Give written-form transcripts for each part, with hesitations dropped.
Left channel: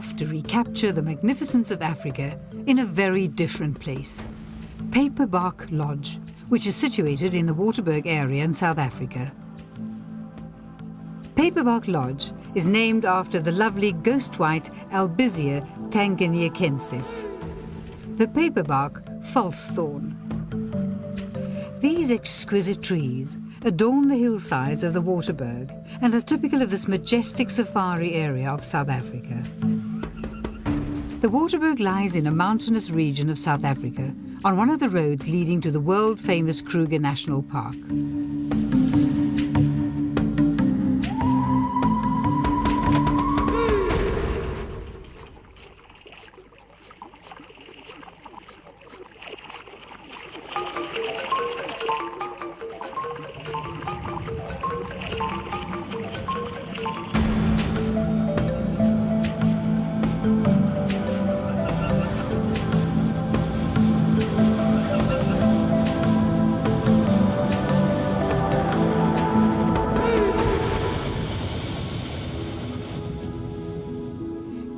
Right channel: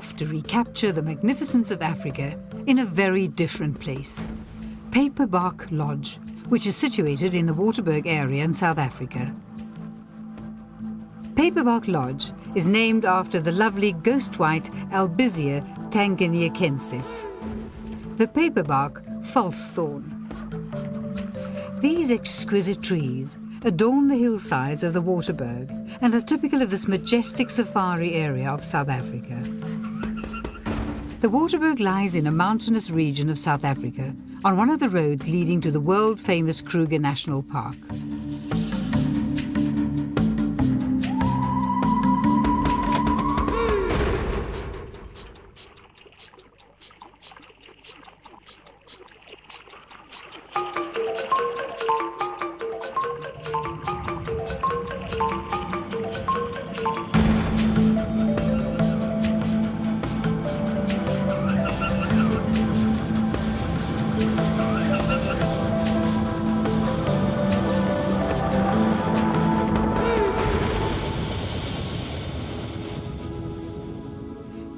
off to recapture the magnificence of Africa in a very different place. Paperbark Lodge, which is situated in the Waterberg area in South Africa. Paperbark Lodge is named after the lovely ghost-white Albizia tanganyikaensis, the paperbark false-thorn. These exquisite trees adorn the hillsides of the Waterberg and are typical of this majestic safari area of South Africa. The Waterberg lies in a mountainous region of South Africa on one of the roads leading to the world-famous Kruger National Park.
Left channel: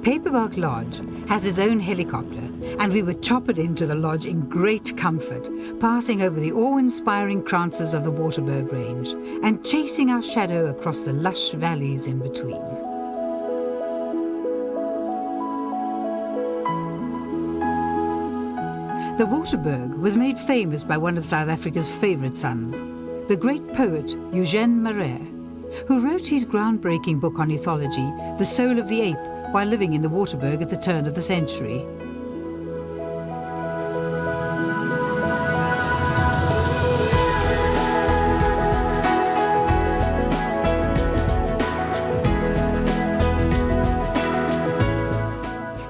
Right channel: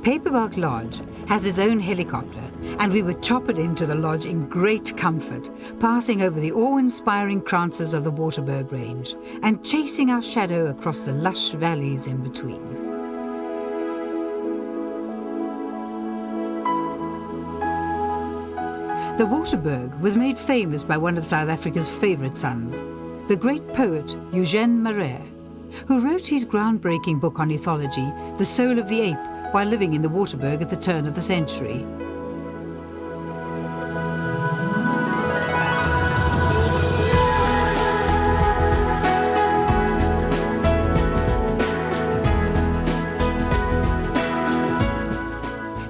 Paperbark Lodge has its own helicopter, and we were choppered into the lodge in great comfort, passing over the awe-inspiring kranzes of the Waterberg Range and chasing our shadow across the lush valleys in between. The Waterberg was made famous by one of South Africa's favourite sons, the great poet Eugène Marais, who wrote his groundbreaking book on ethology, The Soul of the Ape, while living in the Waterberg at the turn of the century.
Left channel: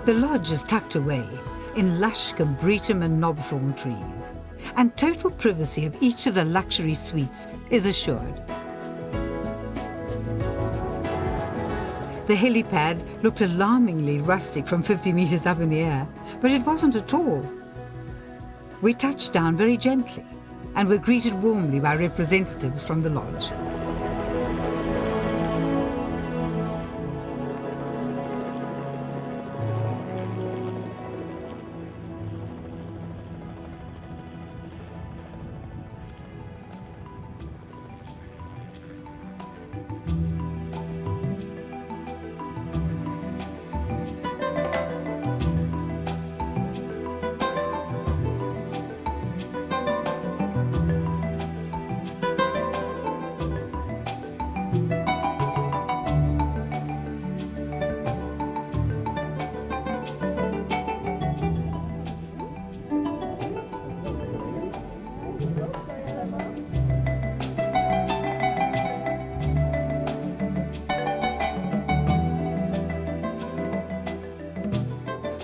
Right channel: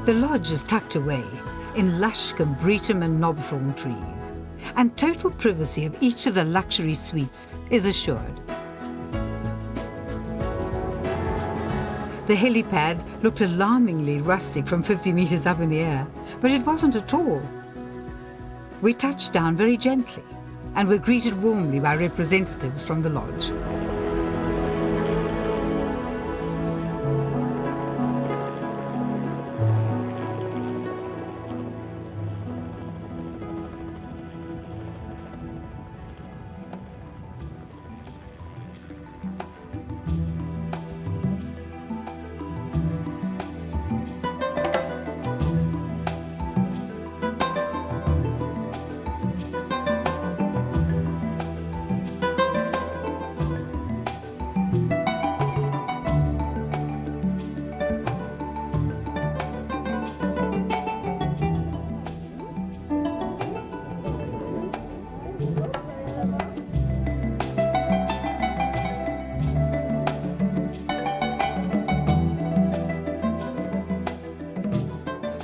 The lodge is tucked away in lush combretum and knobthorn trees, and total privacy of each of the luxury suites is assured. The helipad looked alarmingly rustic from 50 meters up in the air, but it wasn't at all. We touched down very gently and were greeted warmly by representatives from the lodge.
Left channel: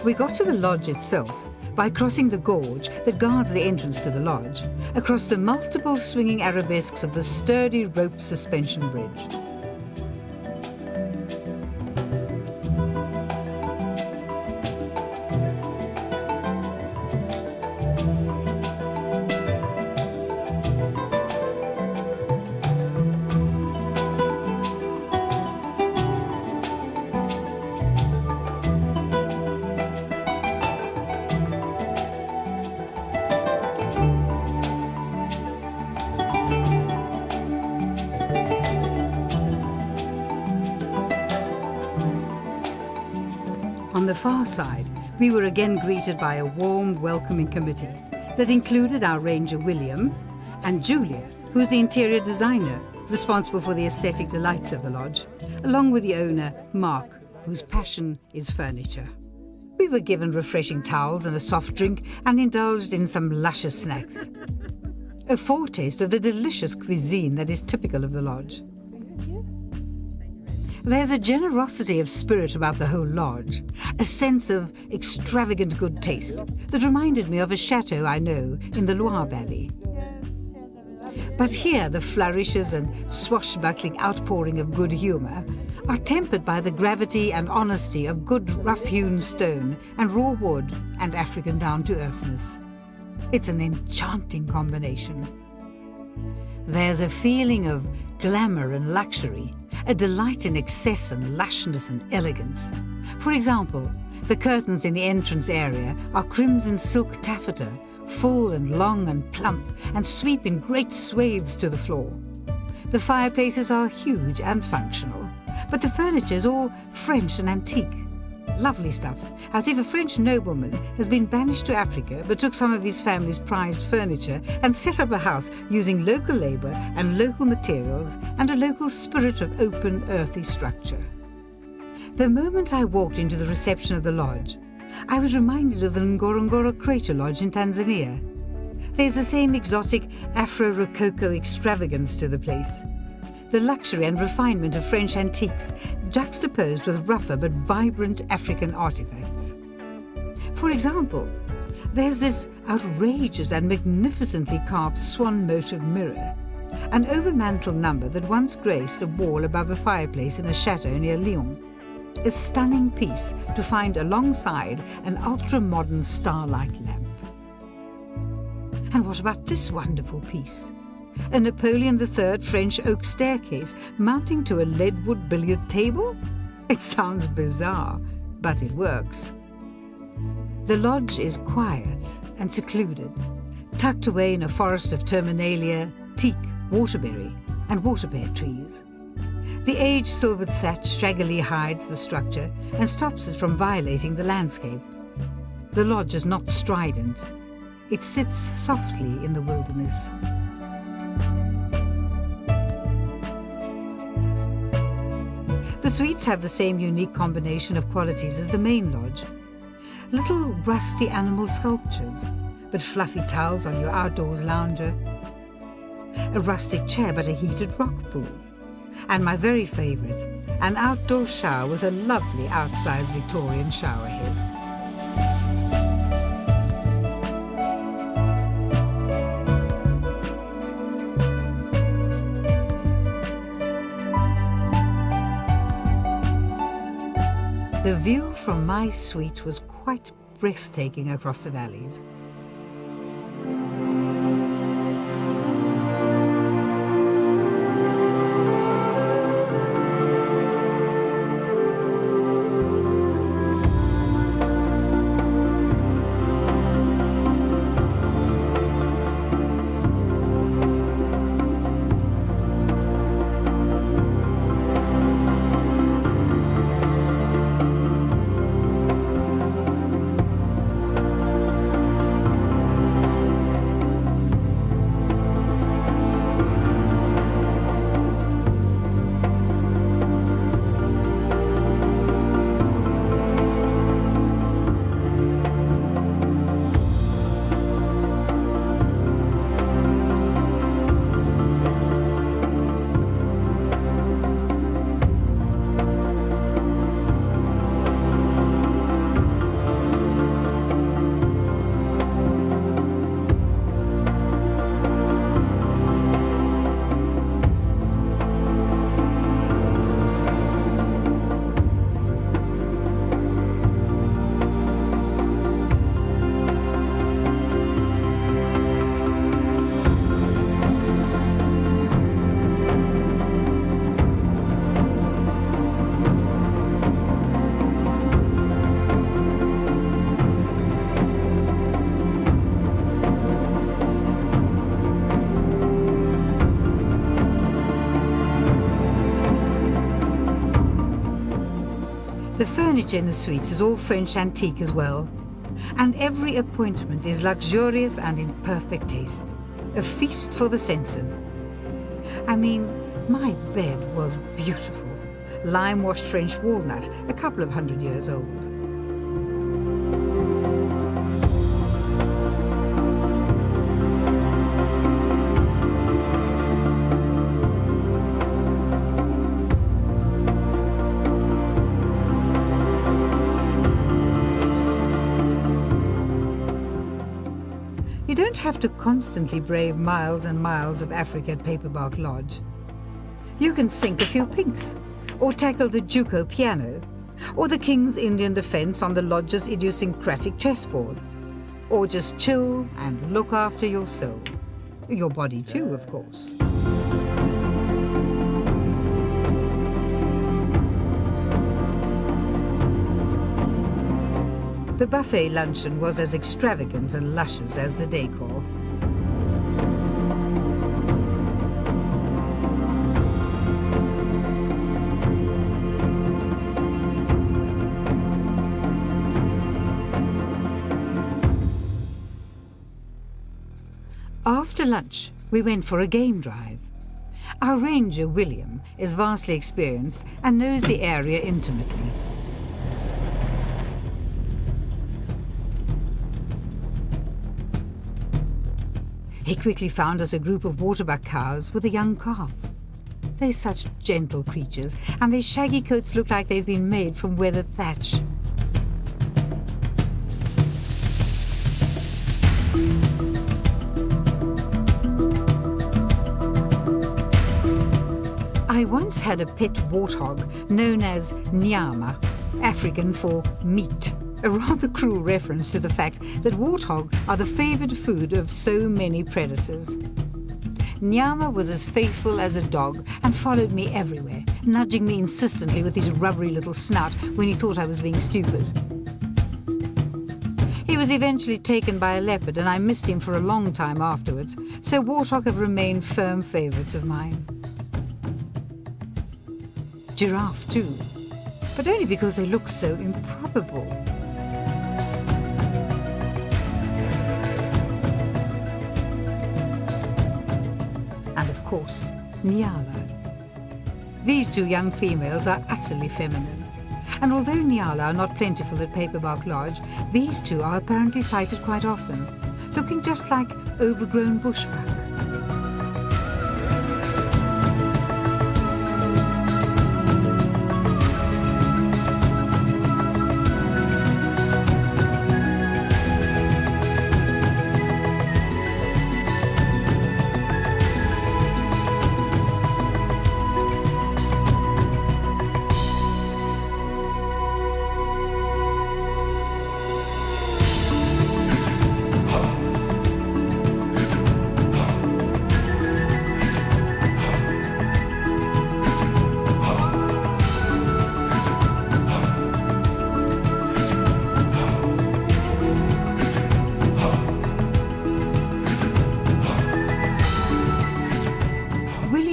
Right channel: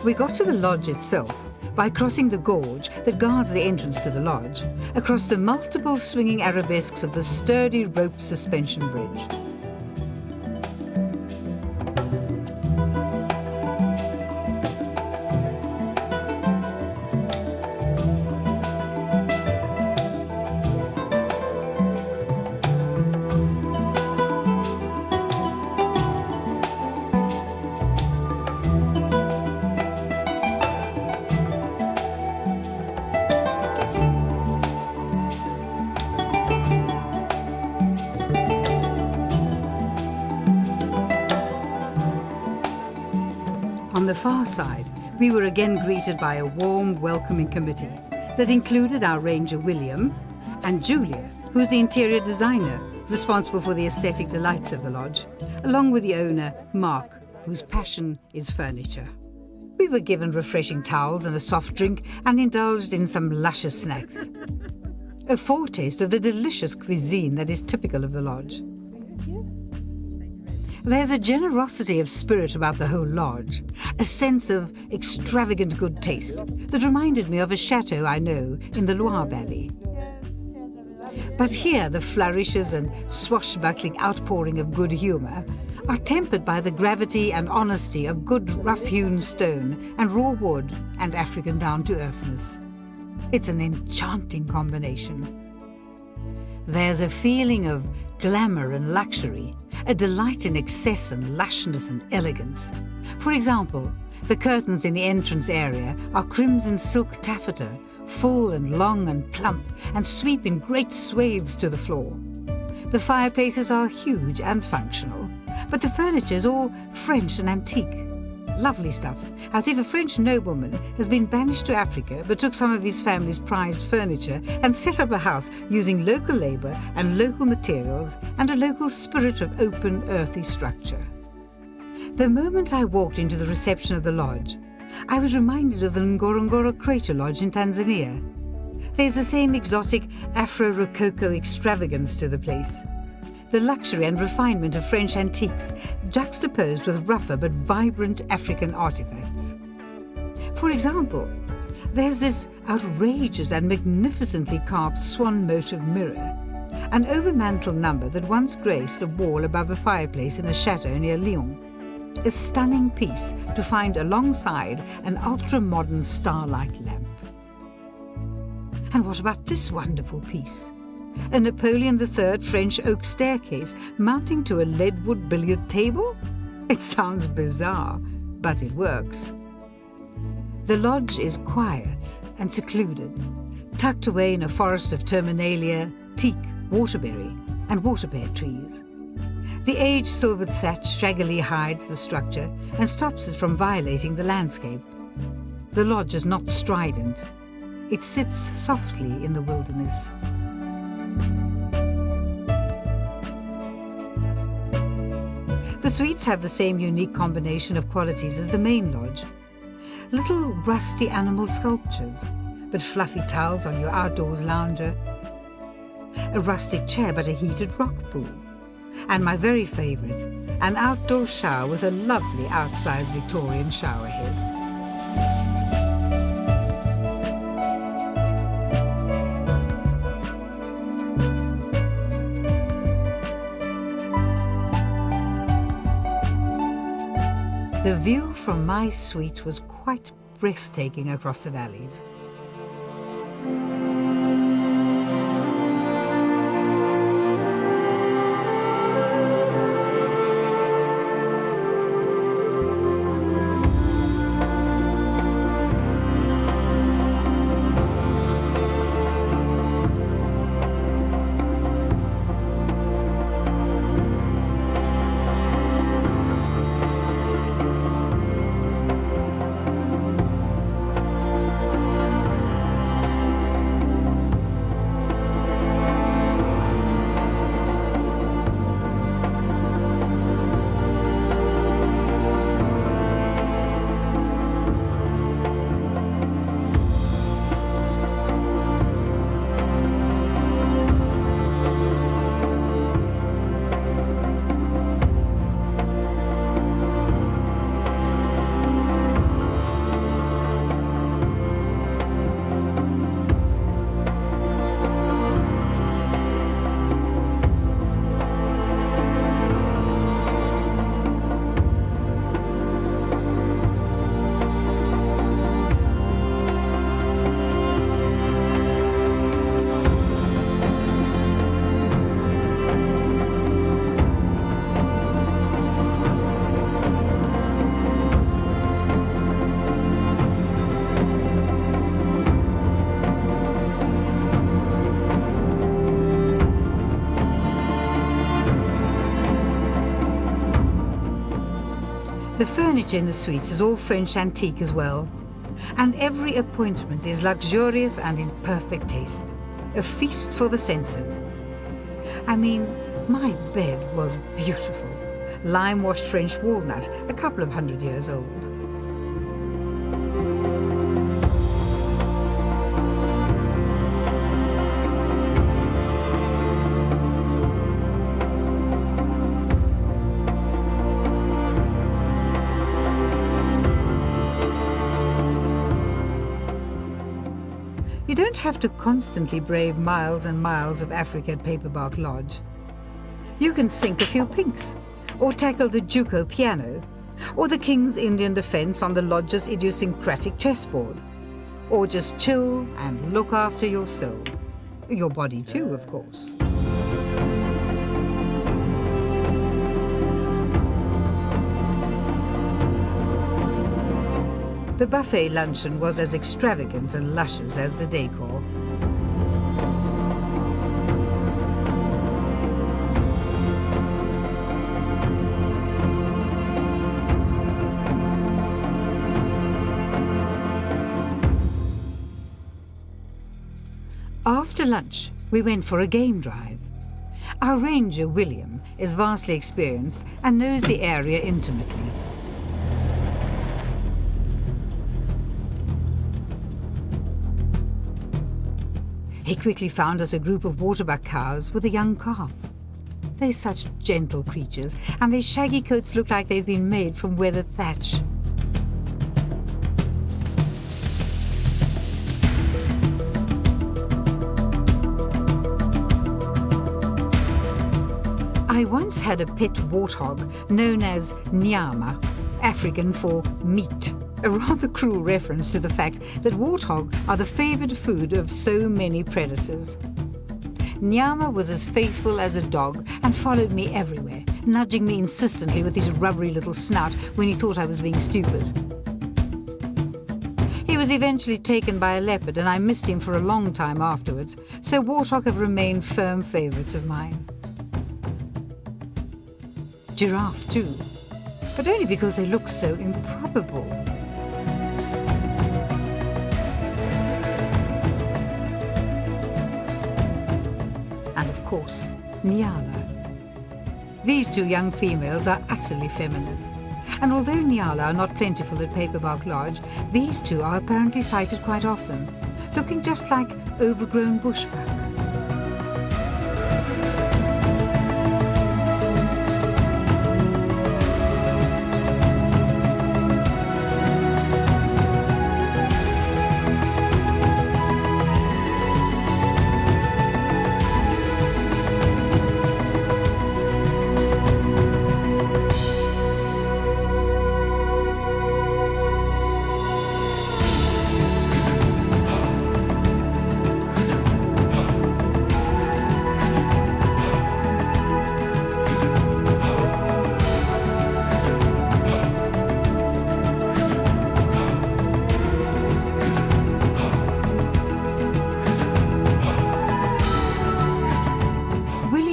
We got to the lodge itself by crossing the gorge that guards the entrance to the lodge, across the multiple swinging arabesques of the sturdy rope suspension bridge. On the far side, we were again greeted by a warm, welcoming committee that included our ranger William and Julia, who is the interior designer responsible for the aesthetic delights of the lodge, along with the owner, Mark, whose passion is furniture. We were given refreshing towels and a soft drink and indulged in some luscious snacks. A foretaste of the delicious cuisine that is typical of the lodge. There's a generosity of spirit about the whole lodge, a sense of extravagant good taste that reminded me of a chateau I know in the Loire Valley. But here the flourishes and swashbuckling outpouring of good humour are tempered by the gravity and honesty of good rough-hewn stone and raw wood and African down-to-earthness. It's an enchanting combination. There's a feeling of glamour and luxury, a delight in excess and lushness and elegance. For For example, the curtains in the entrance area are crimson silk taffeta, full and long and plump, and sweep in great swathes to the floor. The fireplaces are huge and functional, but the furniture is all French and antique. Lovely stuff, as if a French nobleman has been banished to Africa but took some of his family's prized furniture and set up a house using local labour and local materials and a local spirit of open, earthy structure. The moment I walked into the reception of the lodge, I was reminded of the Ngorongoro Crater Lodge in Tanzania. There's the same exotic Afro-Rococo extravagance to the place. The luxury and refinement of French antiques juxtaposed with rougher but vibrant African artifacts. For example, there's this outrageous and magnificently carved swan motive mirror, an overmantel number that once graced a wall above a fireplace in a chateau near Lyon. A stunning piece to find alongside an ultra-modern starlight lamp. And what about this wonderful piece? A Napoleon III French oak staircase mounting to a leadwood billiard table? It sounds bizarre, but it works. The lodge is quiet and secluded, tucked away in a forest of terminalia, teak, waterberry, and waterpear trees. The aged silvered thatch shaggily hides the structure and stops it from violating the landscape. The lodge is not strident. It sits softly in the wilderness. The suites have the same unique combination of qualities as the main lodge. Little rusty animal sculptures, but fluffy towels on your outdoors lounger. A rustic chair, but a heated rock pool. And my very favourite, an outdoor shower with a lovely outsized Victorian shower head. The view from my suite was quite breathtaking across the valleys. The furniture in the suites is all French antique as well, and every appointment is luxurious and in perfect taste. A feast for the senses. I mean, my bed was beautiful. Lime-washed French walnut, a couple of 100 years old. You don't have to constantly brave miles and miles of Africa at Paperbark Lodge. You can sink a few pinks, or tackle the Juco piano, or the King's Indian defence on the lodge's idiosyncratic chessboard, or just chill and look after your soul. Your body too, of course. The buffet luncheon was as extravagant and luscious as the decor. After lunch, we went for a game drive. Our ranger, William, is vastly experienced and knows the area intimately. He quickly found us a group of waterbuck cows with a young calf. They're such gentle creatures, and their shaggy coats look like they've been made from weathered thatch. I once had a pet warthog known as Nyama, African for meat, a rather cruel reference to the fact that warthog are the favoured food of so many predators. Nyama was as faithful as a dog and followed me everywhere, nudging me insistently with his rubbery little snout when he thought I was being stupid. He was eventually taken by a leopard and I missed him for a long time afterwards, so warthog have remained firm favourites of mine. Giraffe too, but only because they look so improbable. And of course, Nyala. These two young females are utterly feminine. And although Nyala are not plentiful at Paperbark Lodge, these two are apparently sighted quite often, looking just like overgrown bushbuck.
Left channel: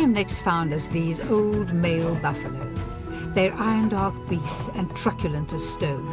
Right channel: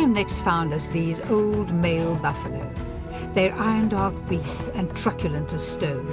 Next found us these old male buffalo. They're iron-dark beasts and truculent as stone.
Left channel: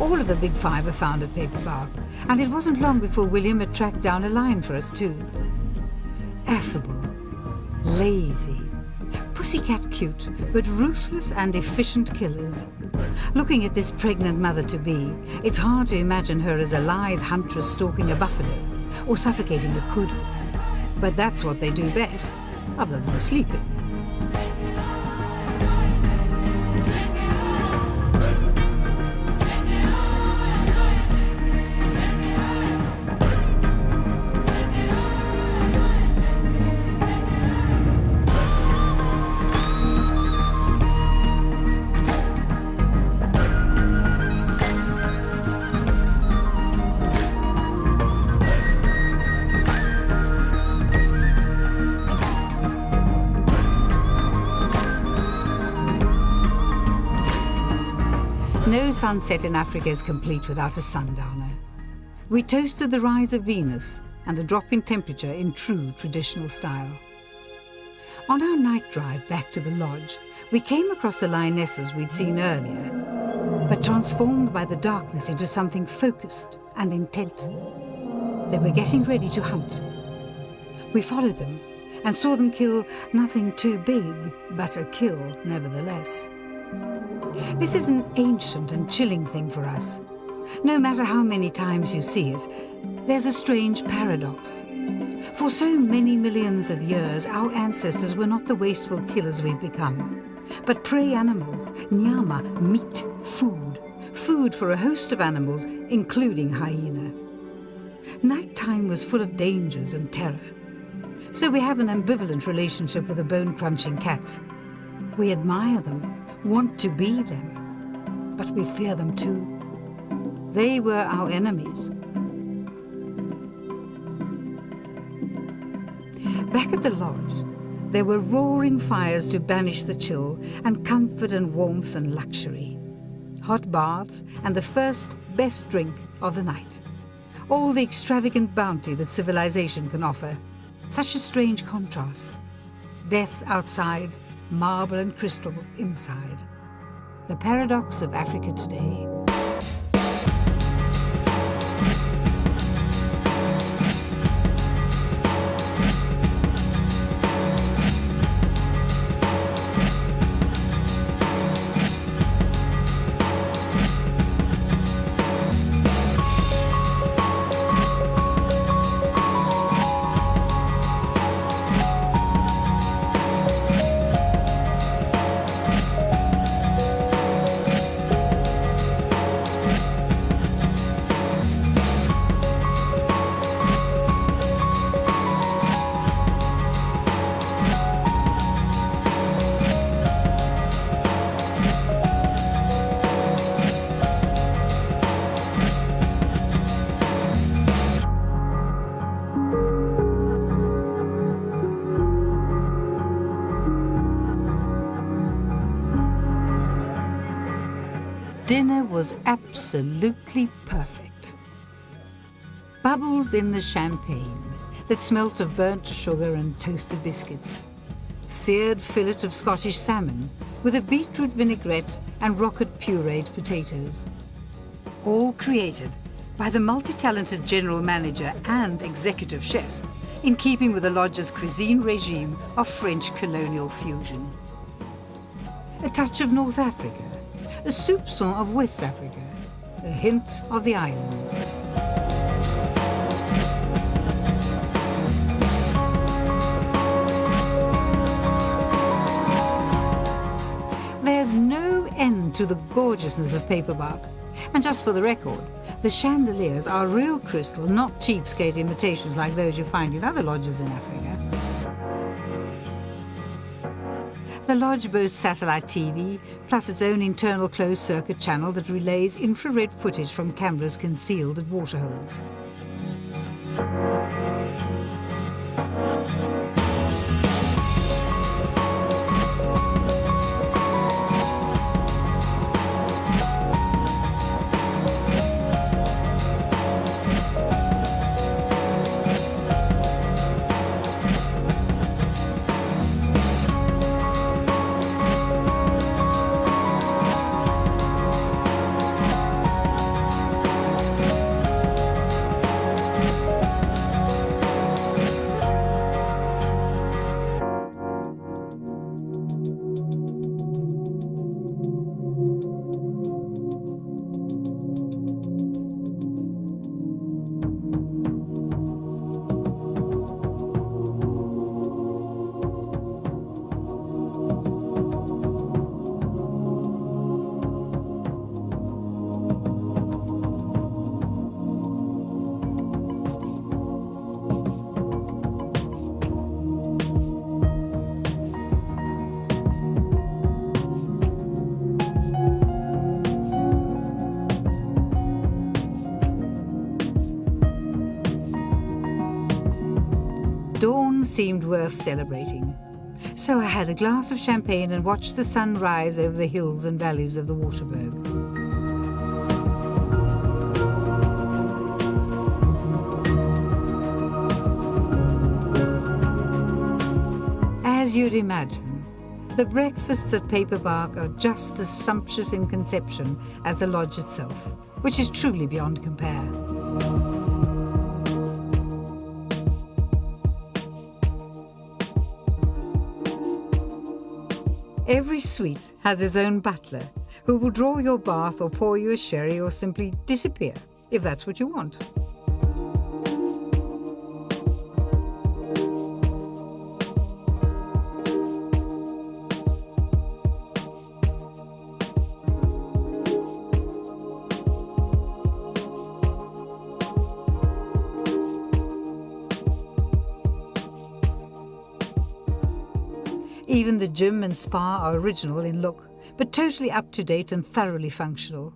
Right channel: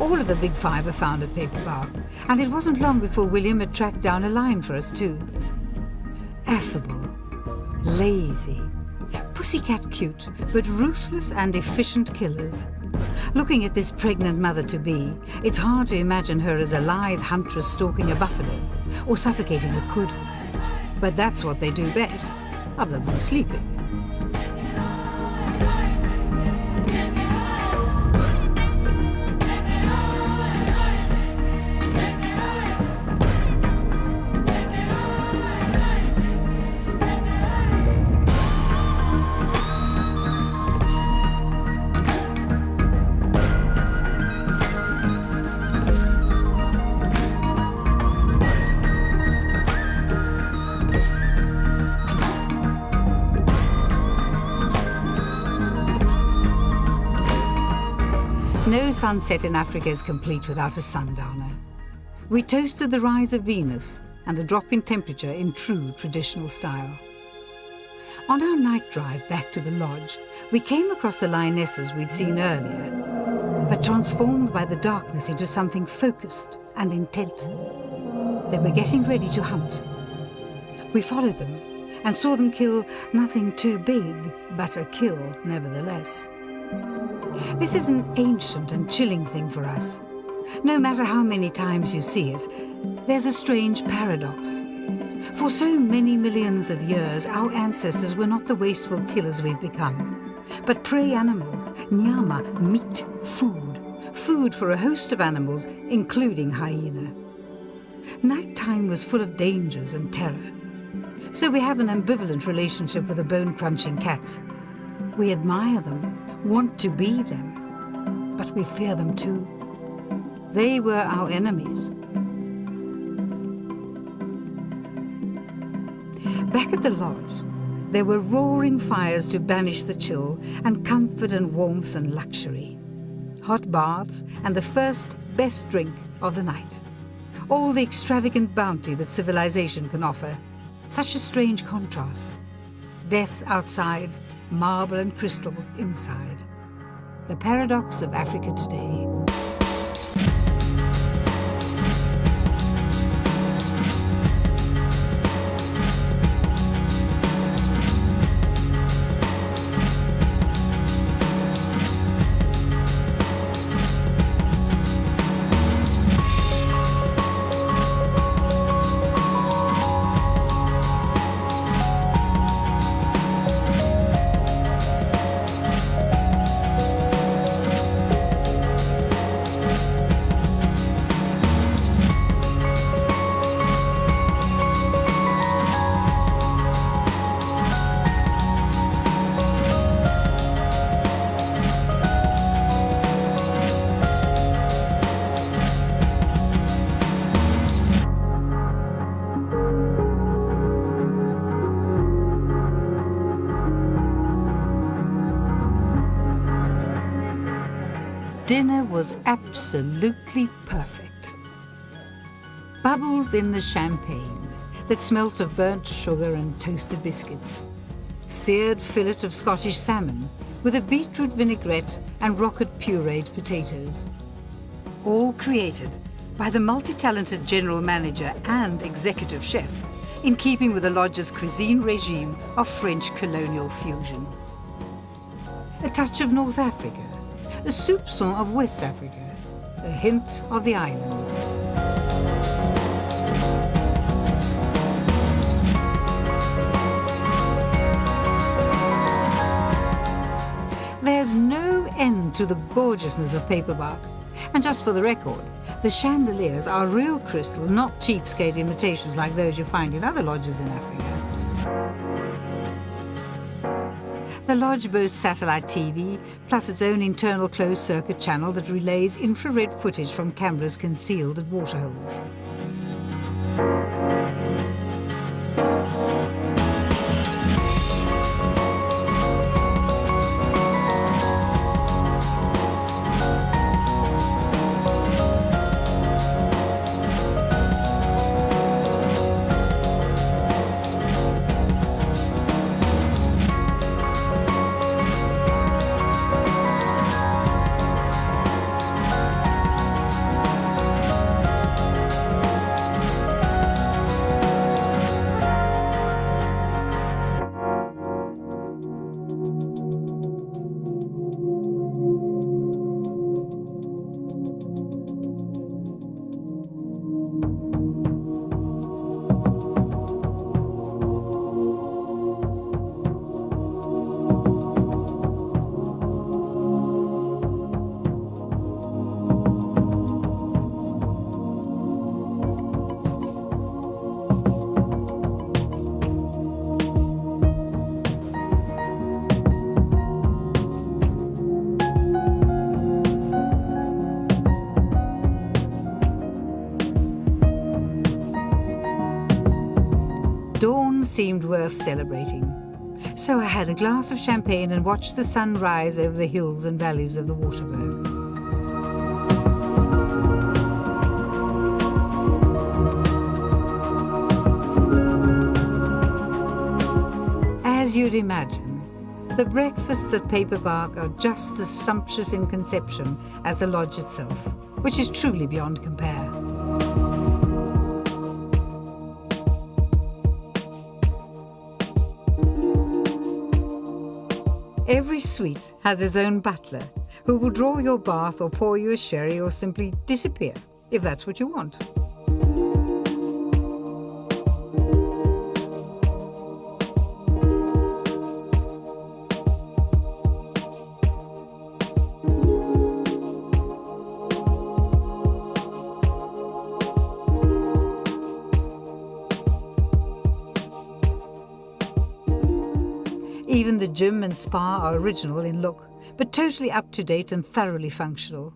All of the big five are found at Paperbark, and it wasn't long before William had tracked down a lion for us too. Affable, lazy, pussycat cute, but ruthless and efficient killers. Looking at this pregnant mother-to-be, it's hard to imagine her as a lithe huntress stalking a buffalo, or suffocating a kudu. But that's what they do best, other than sleeping. No sunset in Africa is complete without a sundowner. We toasted the rise of Venus and the drop in temperature in true traditional style. On our night drive back to the lodge, we came across the lionesses we'd seen earlier, but transformed by the darkness into something focused and intent. They were getting ready to hunt. We followed them and saw them kill nothing too big, but a kill nevertheless. This is an ancient and chilling thing for us. No matter how many times you see it, there's a strange paradox. For so many millions of years, our ancestors were not the wasteful killers we've become, but prey animals, nyama, meat, food. Food for a host of animals, including hyena. Nighttime was full of dangers and terror. So we have an ambivalent relationship with the bone-crunching cats. We admire them, want to be them, but we fear them too. They were our enemies. Back at the lodge, there were roaring fires to banish the chill and comfort and warmth and luxury. Hot baths and the first best drink of the night. All the extravagant bounty that civilization can offer. Such a strange contrast. Death outside, marble and crystal inside. The paradox of Africa today. Dinner was absolutely perfect. Bubbles in the champagne that smelt of burnt sugar and toasted biscuits. Seared fillet of Scottish salmon with a beetroot vinaigrette and rocket pureed potatoes. All created by the multi-talented general manager and executive chef, in keeping with the lodge's cuisine regime of French colonial fusion. A touch of North Africa, a soupçon of West Africa, a hint of the islands. There's no end to the gorgeousness of Paperbark. And just for the record, the chandeliers are real crystal, not cheapskate imitations like those you find in other lodges in Africa. The lodge boasts satellite TV, plus its own internal closed-circuit channel that relays infrared footage from cameras concealed at waterholes. Dawn seemed worth celebrating. So I had a glass of champagne and watched the sun rise over the hills and valleys of the Waterberg. As you'd imagine, the breakfasts at Paperbark are just as sumptuous in conception as the lodge itself, which is truly beyond compare. Every suite has its own butler, who will draw your bath or pour you a sherry or simply disappear, if that's what you want. Even the gym and spa are original in look, but totally up-to-date and thoroughly functional.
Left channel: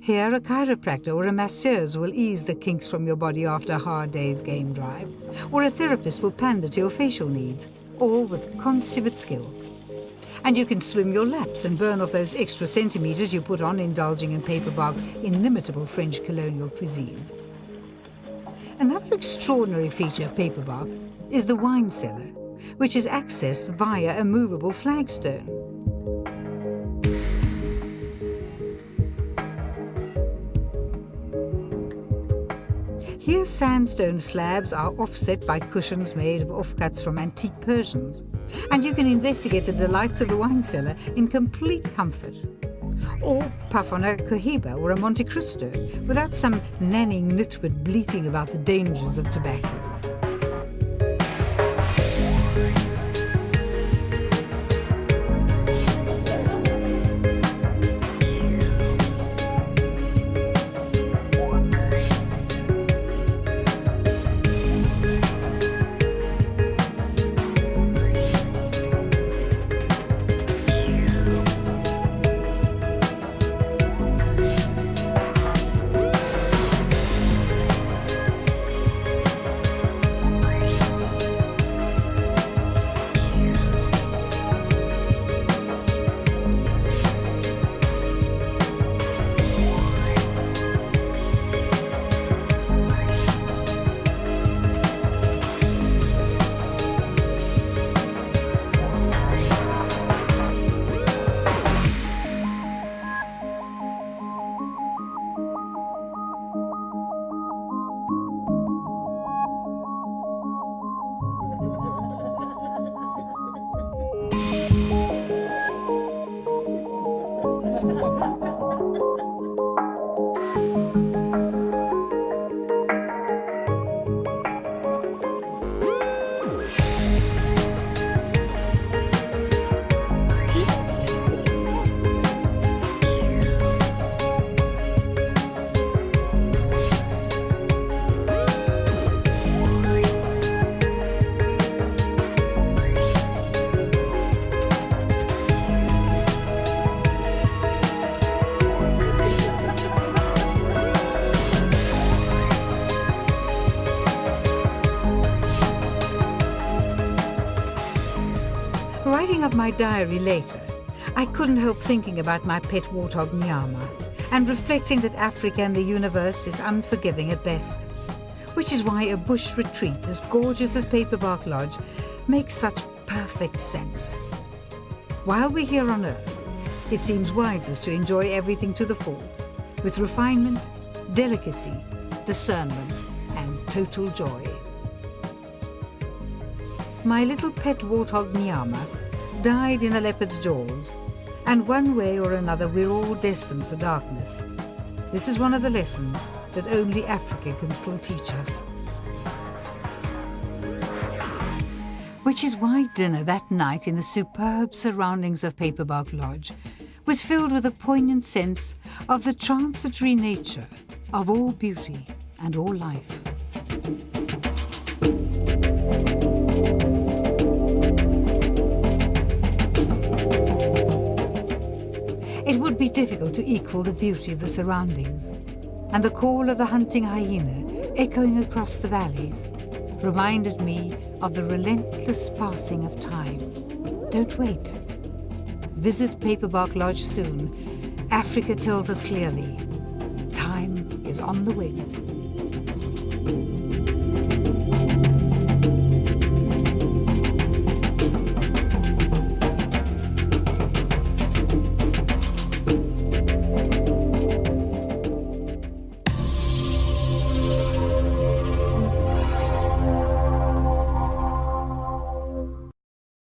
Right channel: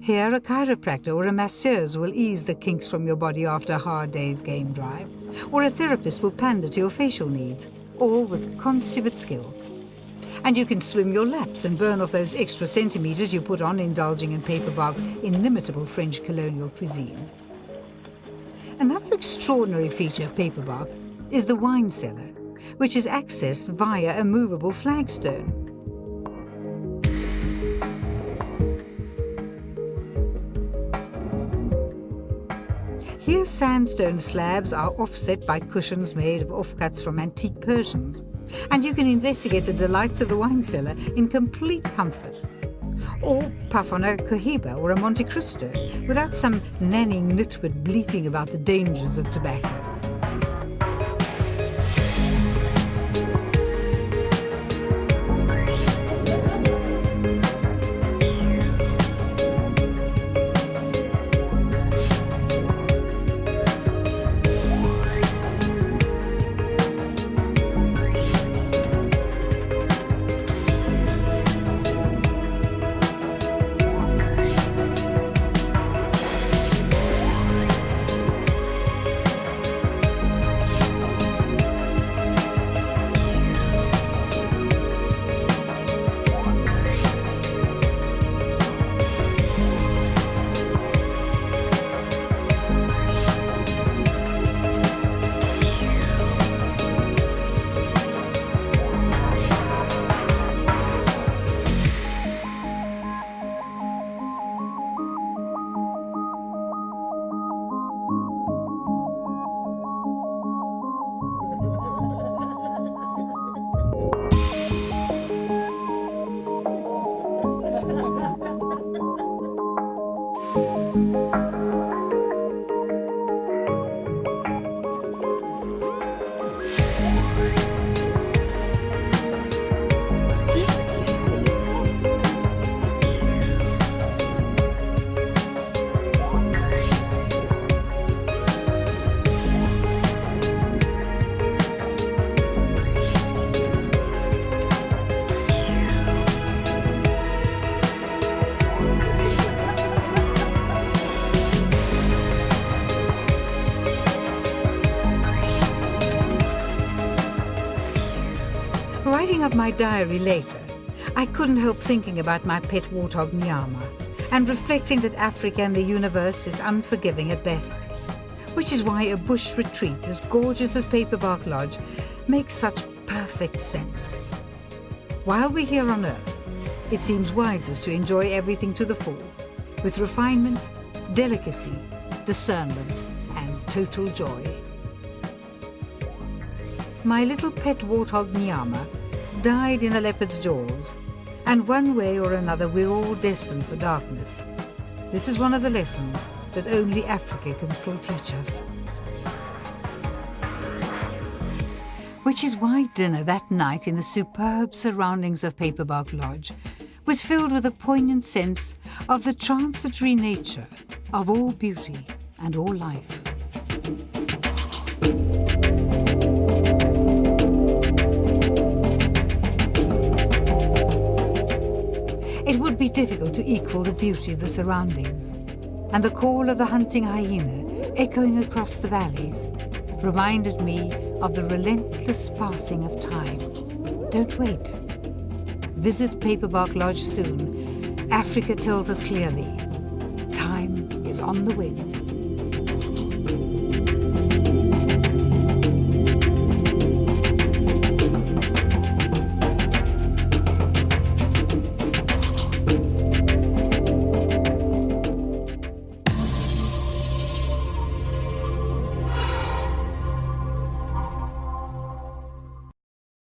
Here, a chiropractor or a masseuse will ease the kinks from your body after a hard day's game drive, or a therapist will pander to your facial needs, all with consummate skill. And you can swim your laps and burn off those extra centimetres you put on indulging in Paperbark's inimitable French colonial cuisine. Another extraordinary feature of Paperbark is the wine cellar, which is accessed via a movable flagstone. Here, sandstone slabs are offset by cushions made of offcuts from antique Persians, and you can investigate the delights of the wine cellar in complete comfort. Or puff on a cohiba or a Monte Cristo without some nannying nitwit bleating about the dangers of tobacco. Writing up my diary later, I couldn't help thinking about my pet warthog Nyama and reflecting that Africa and the universe is unforgiving at best, which is why a bush retreat as gorgeous as Paperbark Lodge makes such perfect sense. While we're here on Earth, it seems wisest to enjoy everything to the full, with refinement, delicacy, discernment, and total joy. My little pet warthog Nyama died in a leopard's jaws, and one way or another we're all destined for darkness. This is one of the lessons that only Africa can still teach us. Which is why dinner that night in the superb surroundings of Paperbark Lodge was filled with a poignant sense of the transitory nature of all beauty and all life. It would be difficult to equal the beauty of the surroundings, and the call of the hunting hyena echoing across the valleys reminded me of the relentless passing of time. Don't wait. Visit Paperbark Lodge soon. Africa tells us clearly, time is on the wing.